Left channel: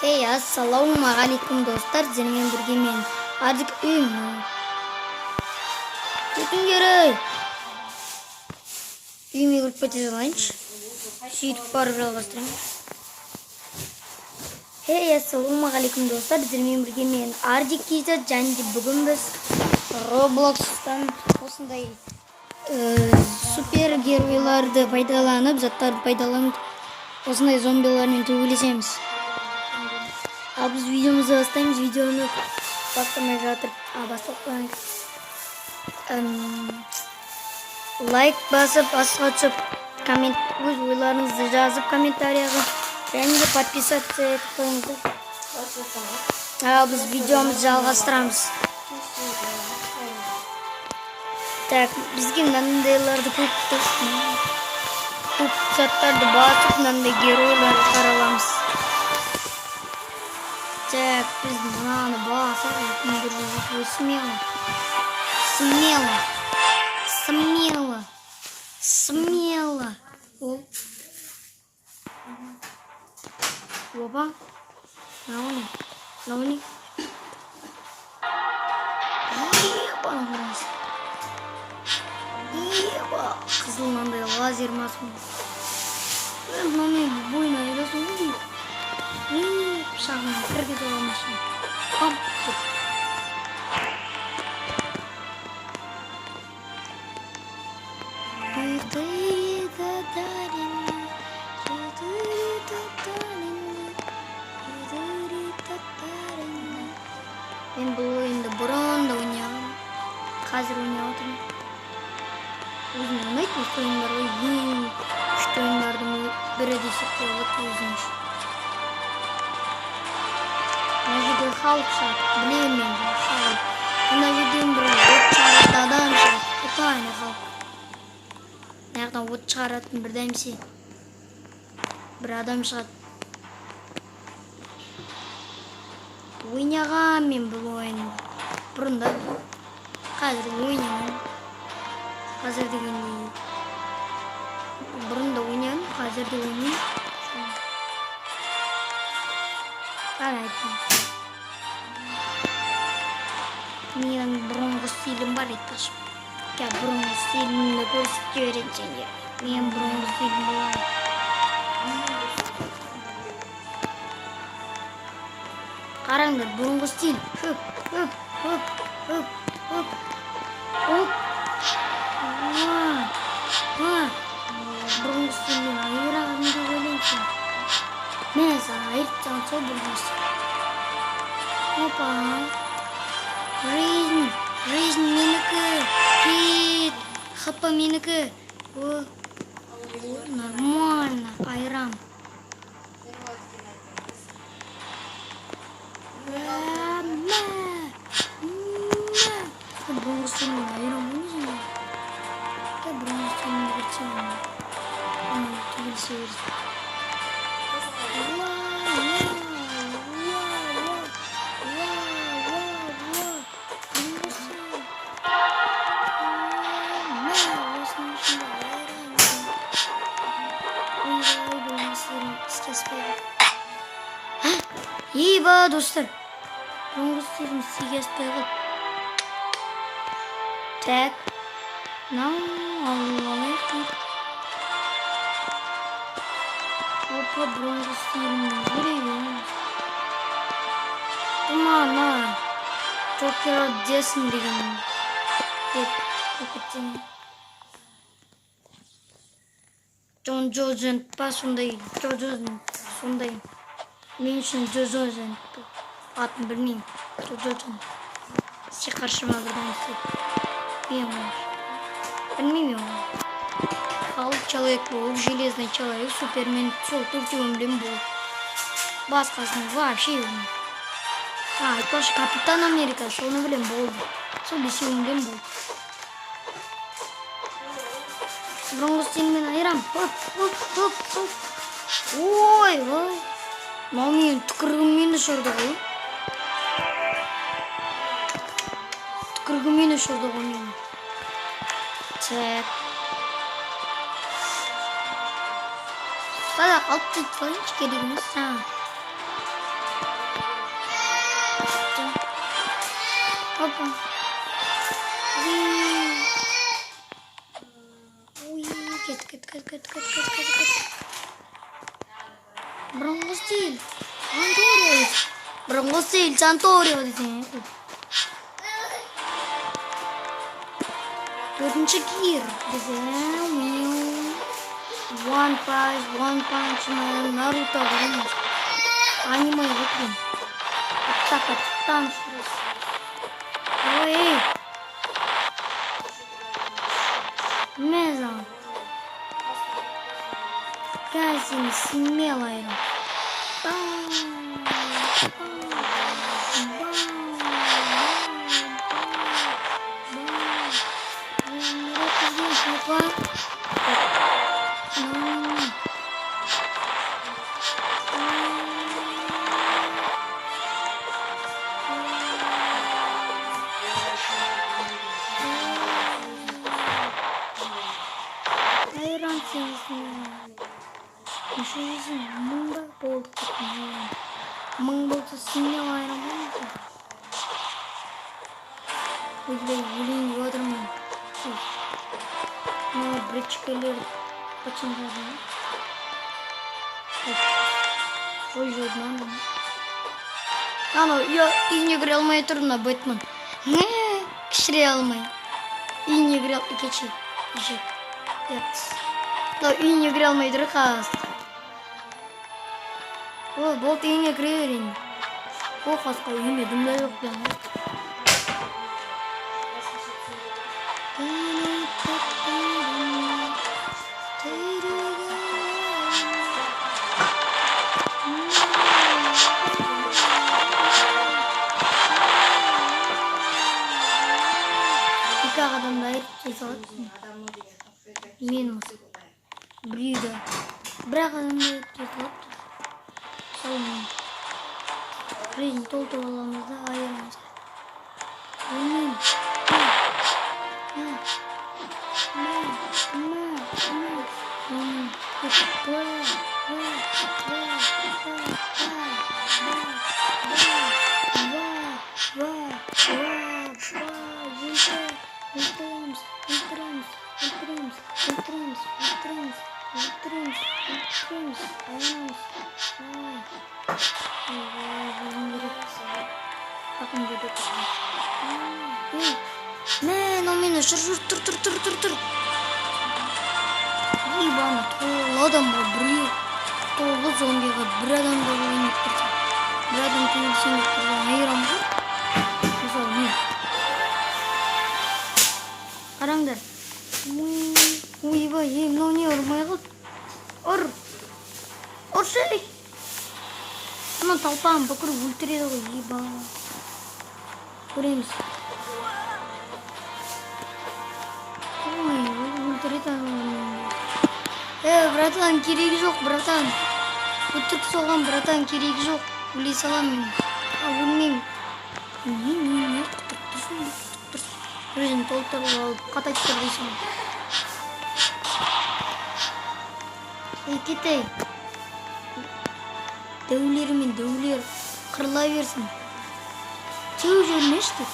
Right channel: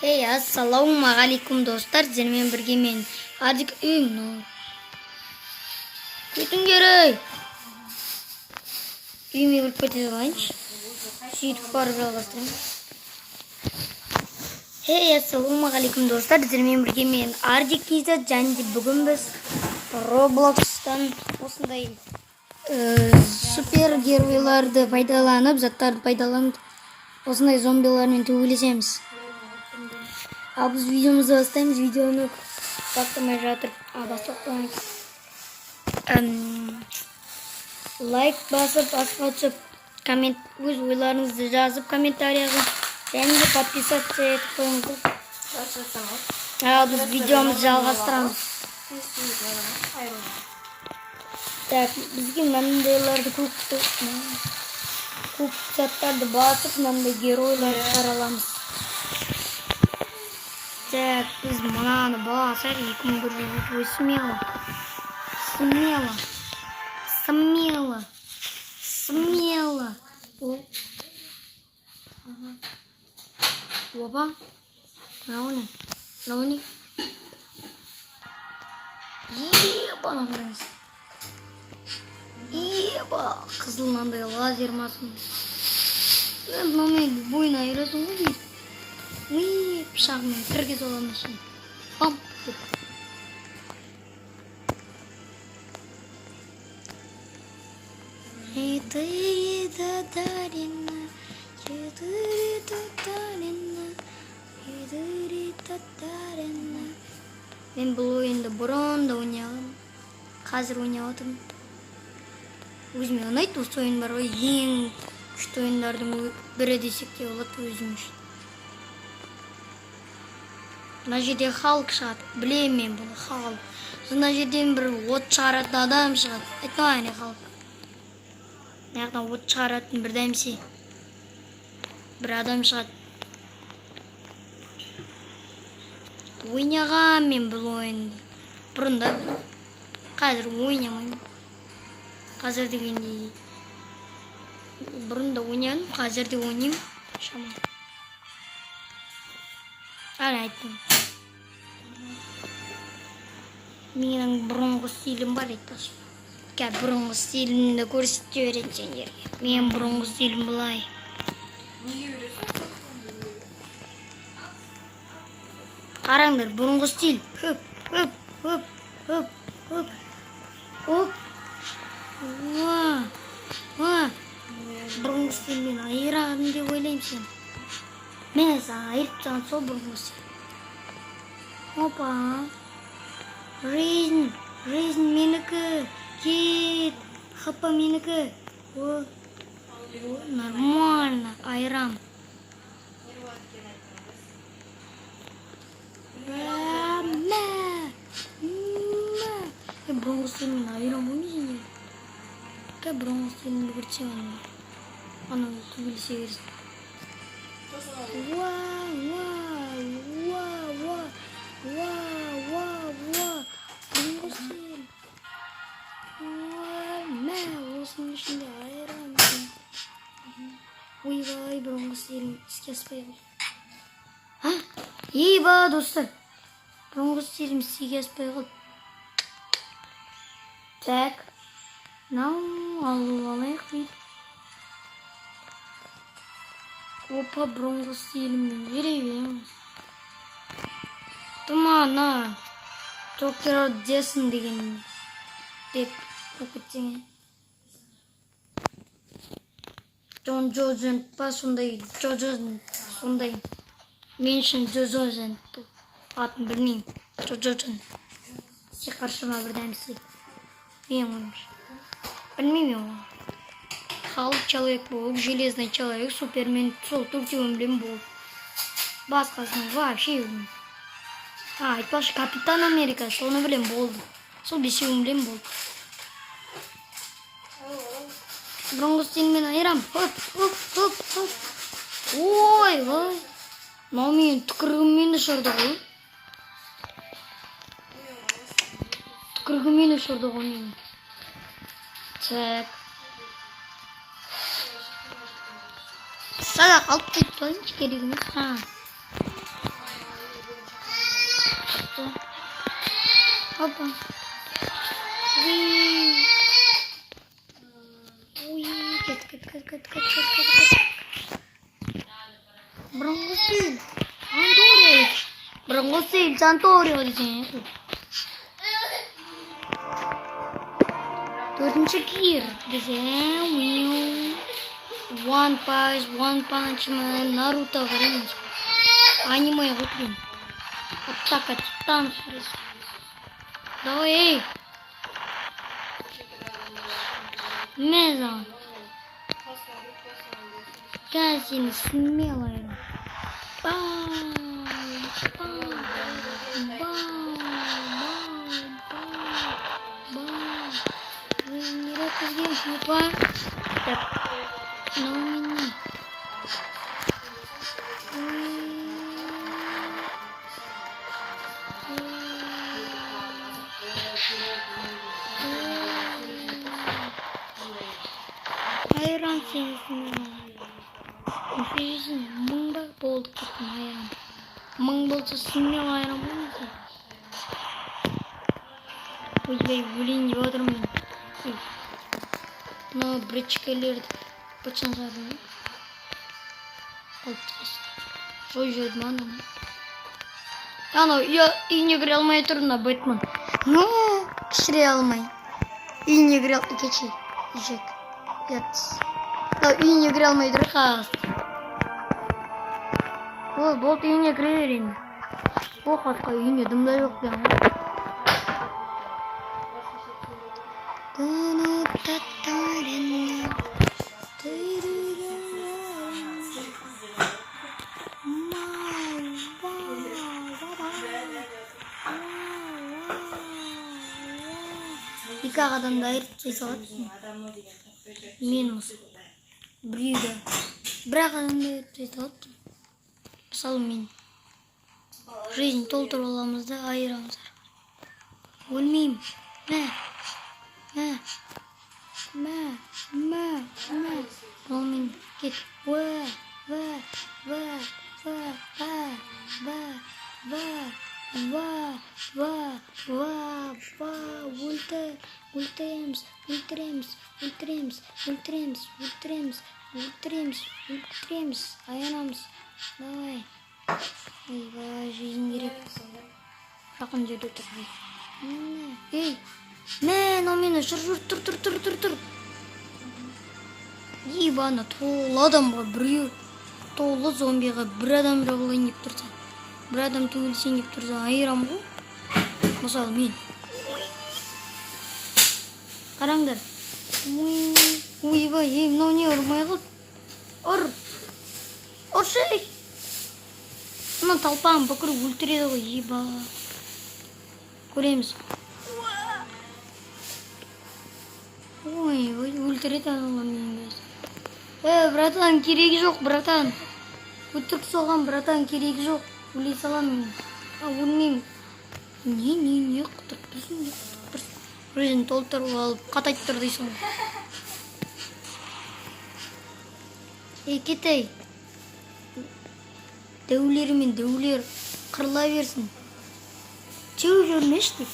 Hey, assalomu alaykum do'stlar. Sizlarмен birga men Ardik uyimni o'tim kerak. Uyimga kirib ketasanchi. Сөйтіп барып жалғастырамын. Hey, assalomu alaykum do'stlar. Sizlarмен birga men Ardik және бүгін біз Roblox'tan осындай супергеройларды пайдаланып, заттарды пайдаланып, осындай зомбилармен төбелесеміз. Ал біз видеомызды бастаймыз. Видеоны бастамай жатыр. Бастап лайк басып, басқа түсіп, коммент өз ойларыңызды жазып комментарияға, және де подписаться етіп қойыңыздар. Ал біз видеомызды жалғастырамыз. Так, бізге мынандайларды көп заттарды басып, мынандай геройларды қараламыз. Так, біз мынаны басар, 2100 смело. Опа. Науни. Еба, қызыл мынандай лазер масын. Мынаумен бойына айырасың ғой дейді. Пышағымен кірге соғамашын. Ам, деп. Мен бұл ойынды бұрын да ойнағам. Қазір ойнап отырмын. Өзіме ұнайды осы ойындар ғой. Ең күшті ойындардың бірі десек те болады өзім үшін. Мына жерде халық шығады. Білемін мен бұл халық. Мына жерден бір от шығаратын адам шығады. Это не халық. Мына жақтан от шығаратын бір дәмсе. Бір адам шығады. Ойнағам мен бұл ойынды. Бұрында. Қазір ойнамаймын. Қазір дегенде бұрында ойнадым, қазір де ойнаймын. Әне айттым. Менің бұрынғы стилім бар айтпақшы. Бұрынғы стилімді көрсете беретін сендерге. Мен бұрынғы стилім былай. Қараңдар, бұрынғы стиль. Хөп. Бұрынғы стилмен айырағым деп ойлаймын. Мен саған айырып тұрған сол бұрынғы стиль. Опа. Жизнь менікі. Кет. Хапа менікі. Нормально. Айырам. Бұрынғы стилмен айырам ойнайсың. Бұрынғы стилмен көрсем. Ана төбелесе берсін. Еба, достар. Бұрынғы стилім істеге аспай қалып. Так. Алайық дейді. Опа, бұрынғы стилімді берейін. Тұмана. Джокер десін деген. Деп өкеттен. Джон Джозен па сондай. Сондай. Мен үшін Джозен. Атын білмеймін. Джозен. Се қаршыма бірден істеді. Мен өмір. Білмеймін оны. Халық человек болып, железный человек, супермен, сол төртеуін білем болып. Басқасын вообще білмеймін. Айтпақшы Капитан Америка, соны білем болды. Сол бесеуін білем болды. Бұрынғы стилмен айырам. Хоп. Ой. Мынау менің түкірігіммен ұшырды ғой. Түкірігіммен ұшырды ғой менің. Так. Садақ алып кетіп қойыңшы керек емес. Опа. Уи. Уи. Кет. Бронхостиль. Анторио. Бронхостиль. Анторио diyeceğim. Dördüncü gear diyeceğim. One Punch Man, Naruto görüyoruz. Anime'ye bakayım. Attan süresi. Давай. Мезон. Касин смелая. Hayran seviyesinde. Seviyesinde mыңда болдық дейтін hayran. Мың болса смело hayran болмайды. Ойбай, өлейін деп отырмын. Мына бричкалерді пачан жаздым. Ой, жойдым аны. Анау үйіне кіре алмай тұр мына Бэтмен. Кішіре алмай. Үйіне кіре кече. Ешек. Үйіне кіре алмай тұр қағасты. О, болды үйіне кіре берейін. О, қасқа үйіне дымда жоқ бен ғой. Екі адамды айырып жай салады. Мен осы. Біреуді. Бірақ адамды айырып жай салады. Мысалы мен. Жизнь толтырып аламыз да айырамыз. Өлмеймін. Ультремс. Аянамыз. Давай. Жизнь керек. Жақын жерде тұрған. Ей. Мен, ол мені тұр. Ебаны, толы адам бар, біреу. Толы зомбиға бір адам жабылайын деп тұрса. Бір адам теңелсен деп тұрса, айырам ғой. Мысалы, мен. Қараңдар. Ойбай, мынау не ұрмай қалды? Ұршы! Ана талпағын бүкіріп өлтіреді ғой, еба. Көреміз. Ой, өлтіреді ана. Братан, керегі жоқ, братан. Өтірік соған, братан, керегі жоқ. Өлей салам мен. Өлмеймін. Не, құтырып тұрсын. Өзін толтырып алып, қатайып тұр дейсің. Кетей. Дәулер мен дәулер қырыла берсін. Теу жүрмеш деп.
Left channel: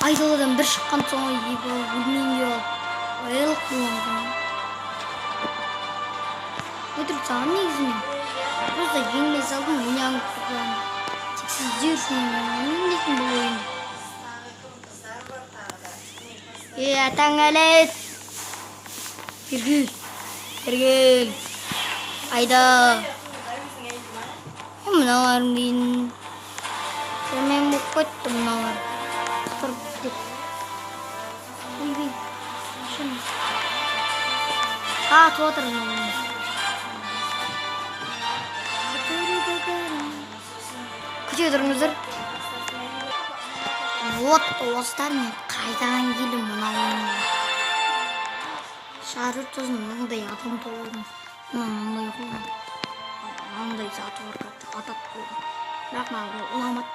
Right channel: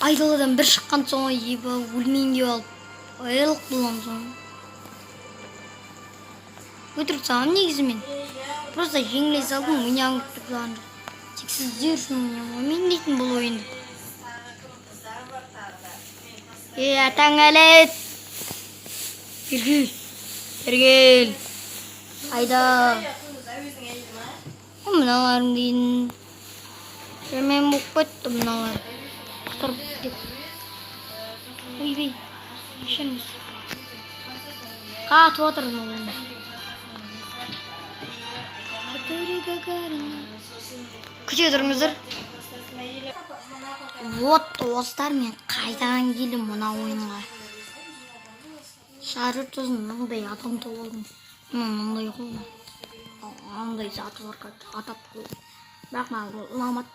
Айдаладан бір шыққан соң ебі өлмейін деп алып. Айлық болған соң. Өтірік саған негізімен. Просто жеңілей салдың, ойнағын күтіп тек сіздер үшін ойнағын. Мен дейтін бұл ойынды. Атаң әлет. Бергел. Айда. Мыналарым дейін. Мен бұқ көтті мыналар. Құтырып деп. Ойбей. Шырмыз. Қатып отырдың олымыз. Күте тұрыңыздар. Вот, достар, мен қайтаған келім мұна ойынға. Шары тұзын мұндай адам толадым. Мұндай қолым. Мұндай заты бар атат қолым. Бірақ маған ұламат.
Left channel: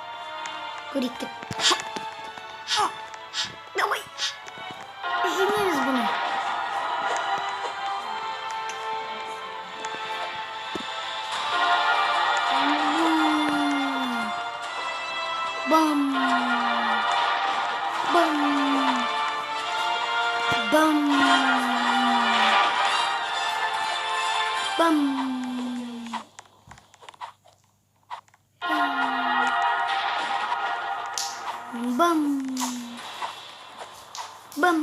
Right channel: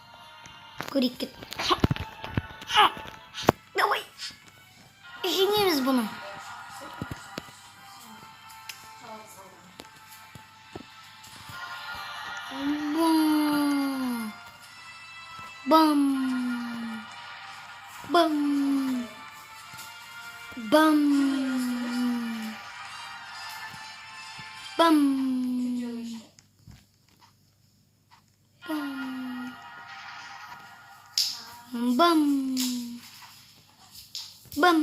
Көрек кет. Давай. Жемеміз бұны. Bam. Bam. Bam. Bam. Bam. Bam.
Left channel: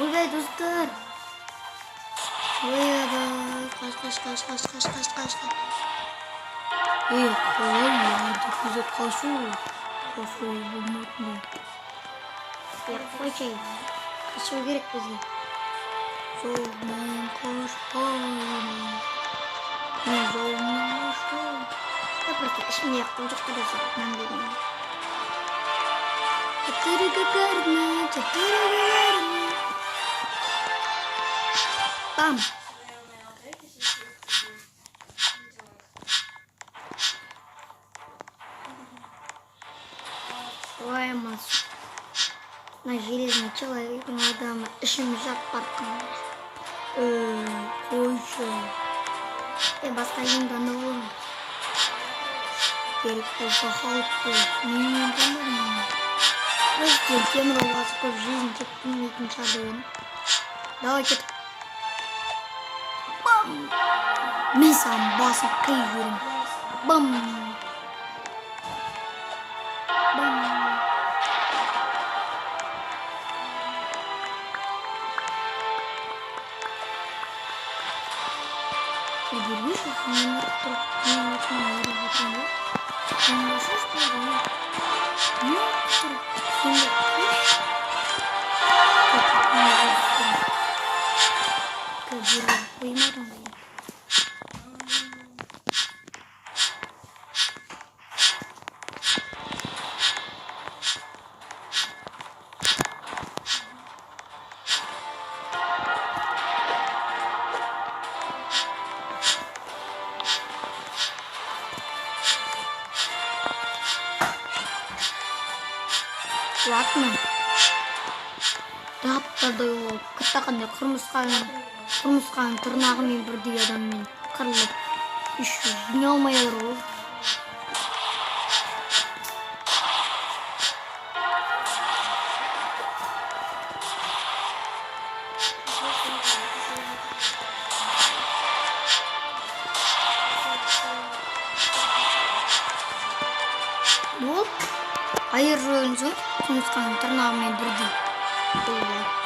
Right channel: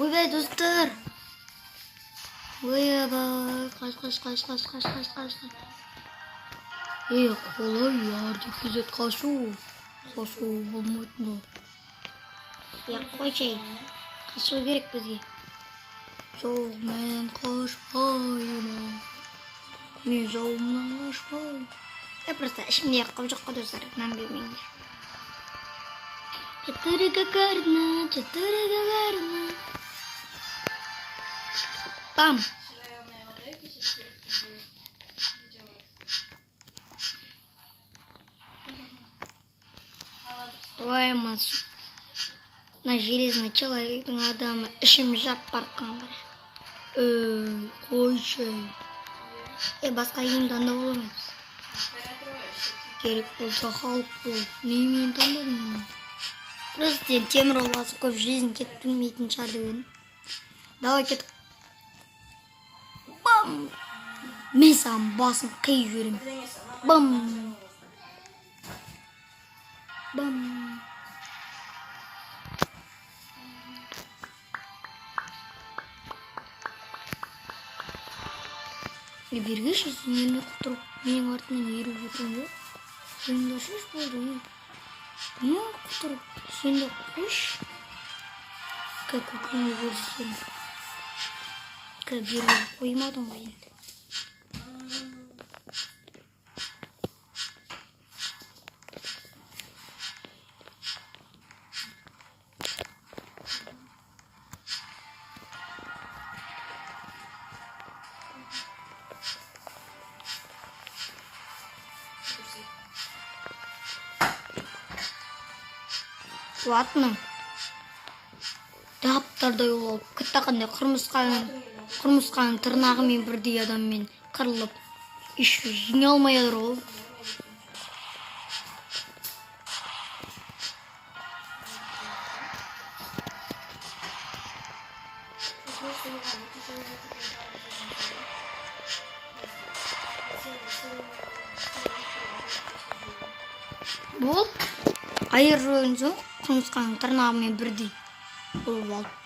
Ойбай достар. Ойбай. Қаш. Қалай ярдик күзет қашу болмайтын. Қойшай. Қашу керек бізге. Жоқ, мен қашпаймын. Мен жауымнан қашпаймын. Просто ішімде қол жоқ қой достар. Мән бермеймін. Четыре гагарина. Бам. Стоимость на железный человектің адамы ішім жап барқандар. Қойшы. Басқа енді анда боламыз. Керек болса халық бол. Мен таңдадым. Президент темір оласы көп жизнь тек білмейтін шығар деген. Давай кет. Бам! Мен саған басын қиып жүрем. Бам! Бам! Бергеш, мен тұрып, мен атынан өріп өтем бе? Сен башыш болды ме? Мен тұрып, сен де күш? Көтіп, мен өрістім. Кәбір қоймадың ғой. Ладно. Таптардай олып, күттақандай құрмысқаның тырнағымен бірдей адаммен қырылып, еш жеңе алмай адыр ол. Бұл айыр рөлін соң құмысқаның тырнағымен бірдей болып алды.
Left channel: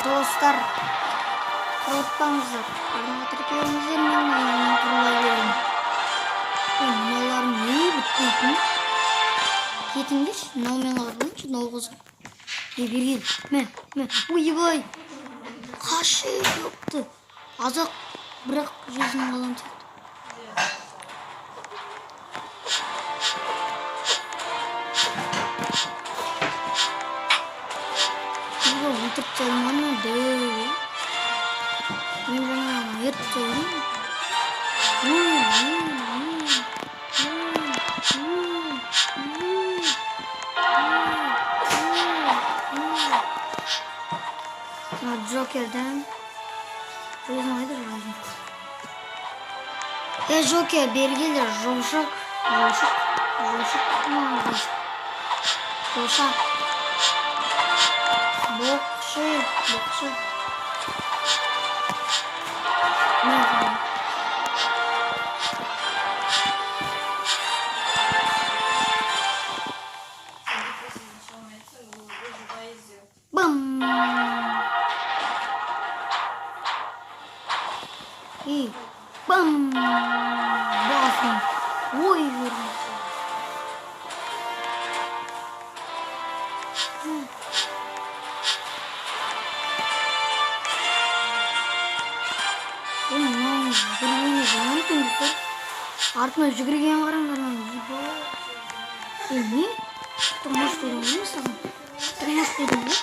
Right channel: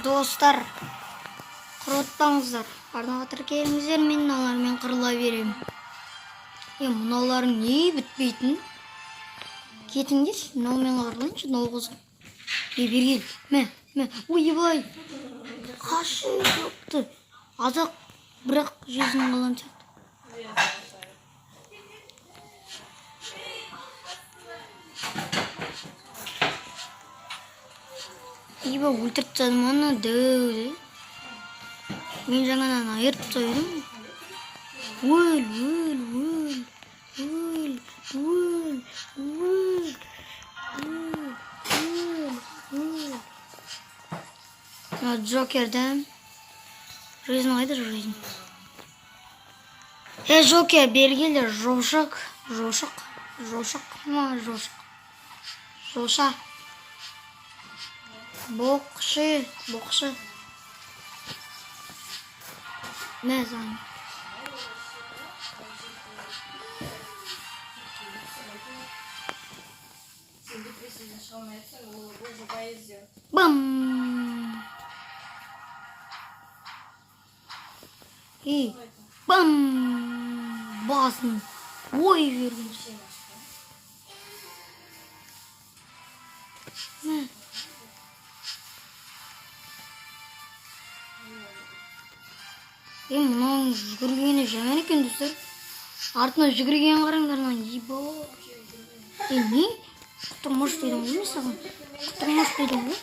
Достар, құротпаңыздар. Арнаға тіркеліңіздер, мен мыналармен құрыла беремін. Мыналарым не бітпейтін? Кетіңдерші, мыналмен құрылайыншы, мынау қызым. Бергел, мә, ойбай. Қашы жоқты. Азақ, бірақ жезін қалан сияқты. Өлтіріп тастадым ана дөй. Мен жаңадан айырып тастадым. Джокерден. Жизнь қайда жизнь? Джокер бергелдер, жошақ. Бокшы. Mesela. Sen depresifini çalmaya etsen o bayağı izliyor. Bam. İyi. Bam. Basın. Oy vermiş. Lan жүгіргені жаман екен достар. Артына жүгірген қараңдар lan. Не? Құтырмаш дедім ғой саған. Құтырмаш дедім ғой.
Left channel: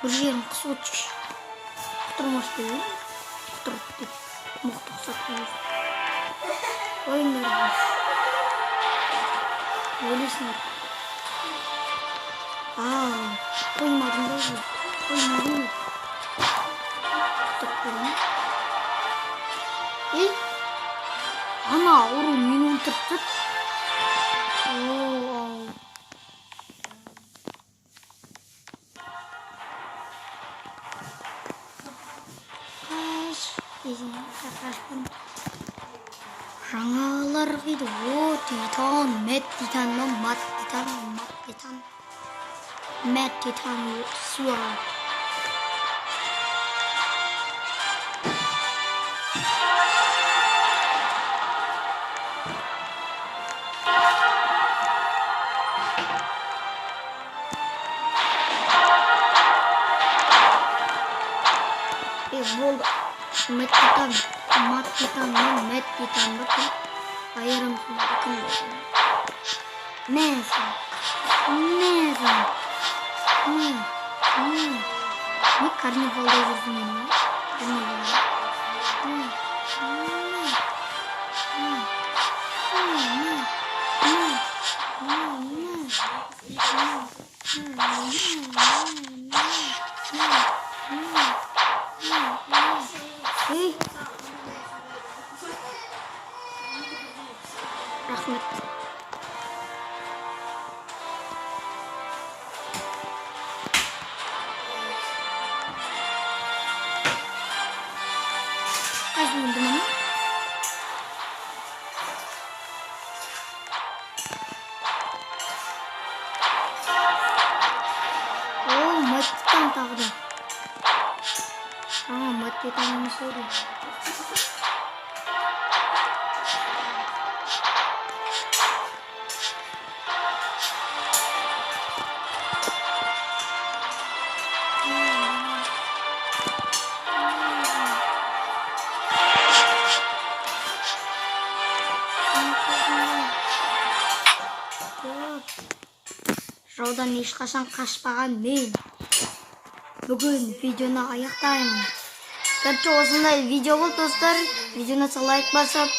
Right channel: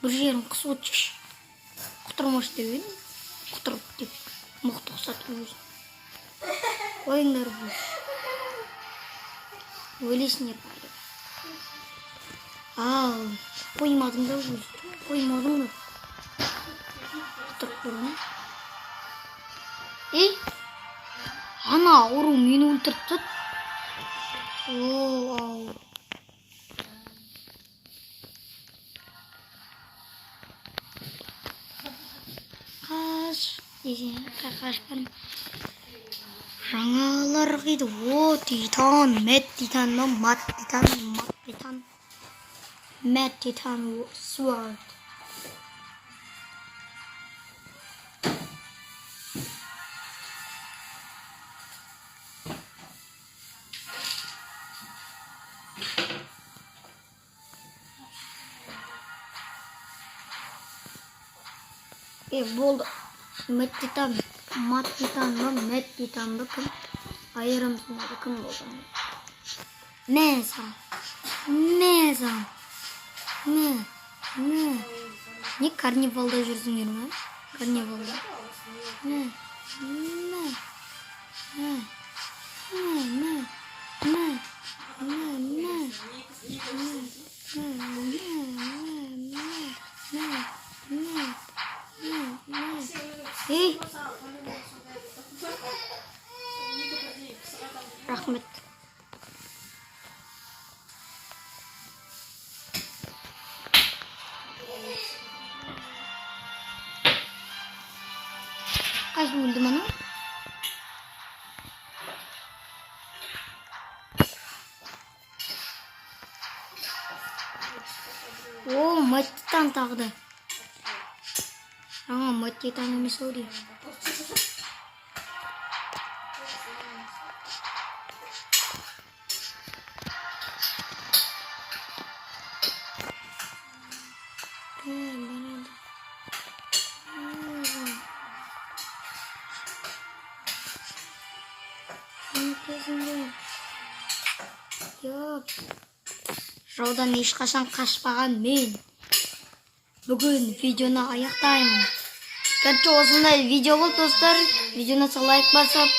Бір жерін қысып өтші. Құтырмаш деп едім. Құтырып деп. Мықты ұқсатып өз. Қойыңдар біз. Өлесіңдер. Қоймадың да ғой. Қоймадың ғой. Құтырып көрдің. Ей, ана ұру мені өлтіріп тұр. Қаш, десең, қаш барым. Жаңалар қиды. О, титан, мет титан, мат титан, мат титан. Мет титан, суар. Болды. Мет титан, мат титан, мет титан. Bakın. Ayırım şimdi. Bakın bakın. Neyse. Ne karnivalda yürüdün yine? Karnivalda. Rahmet. Kaç buldum onu? Oo, matitan taktı. Ama matitanımı soruyor. Жаудан ешқашан қашпаған мен. Бүгін видеоны аяқтаймын. Короче, осындай видео болды достар. Видеоны лайк басып,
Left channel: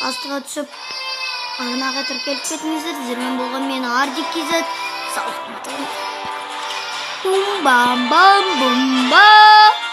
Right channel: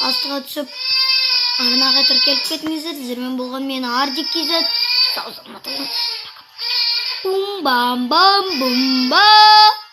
астыға түсіп, арнаға тіркеліп кетіңіздер. Сіздермен болған мен Ардик KZ. Сау саламат болыңыздар. Бум бам бам бум ба.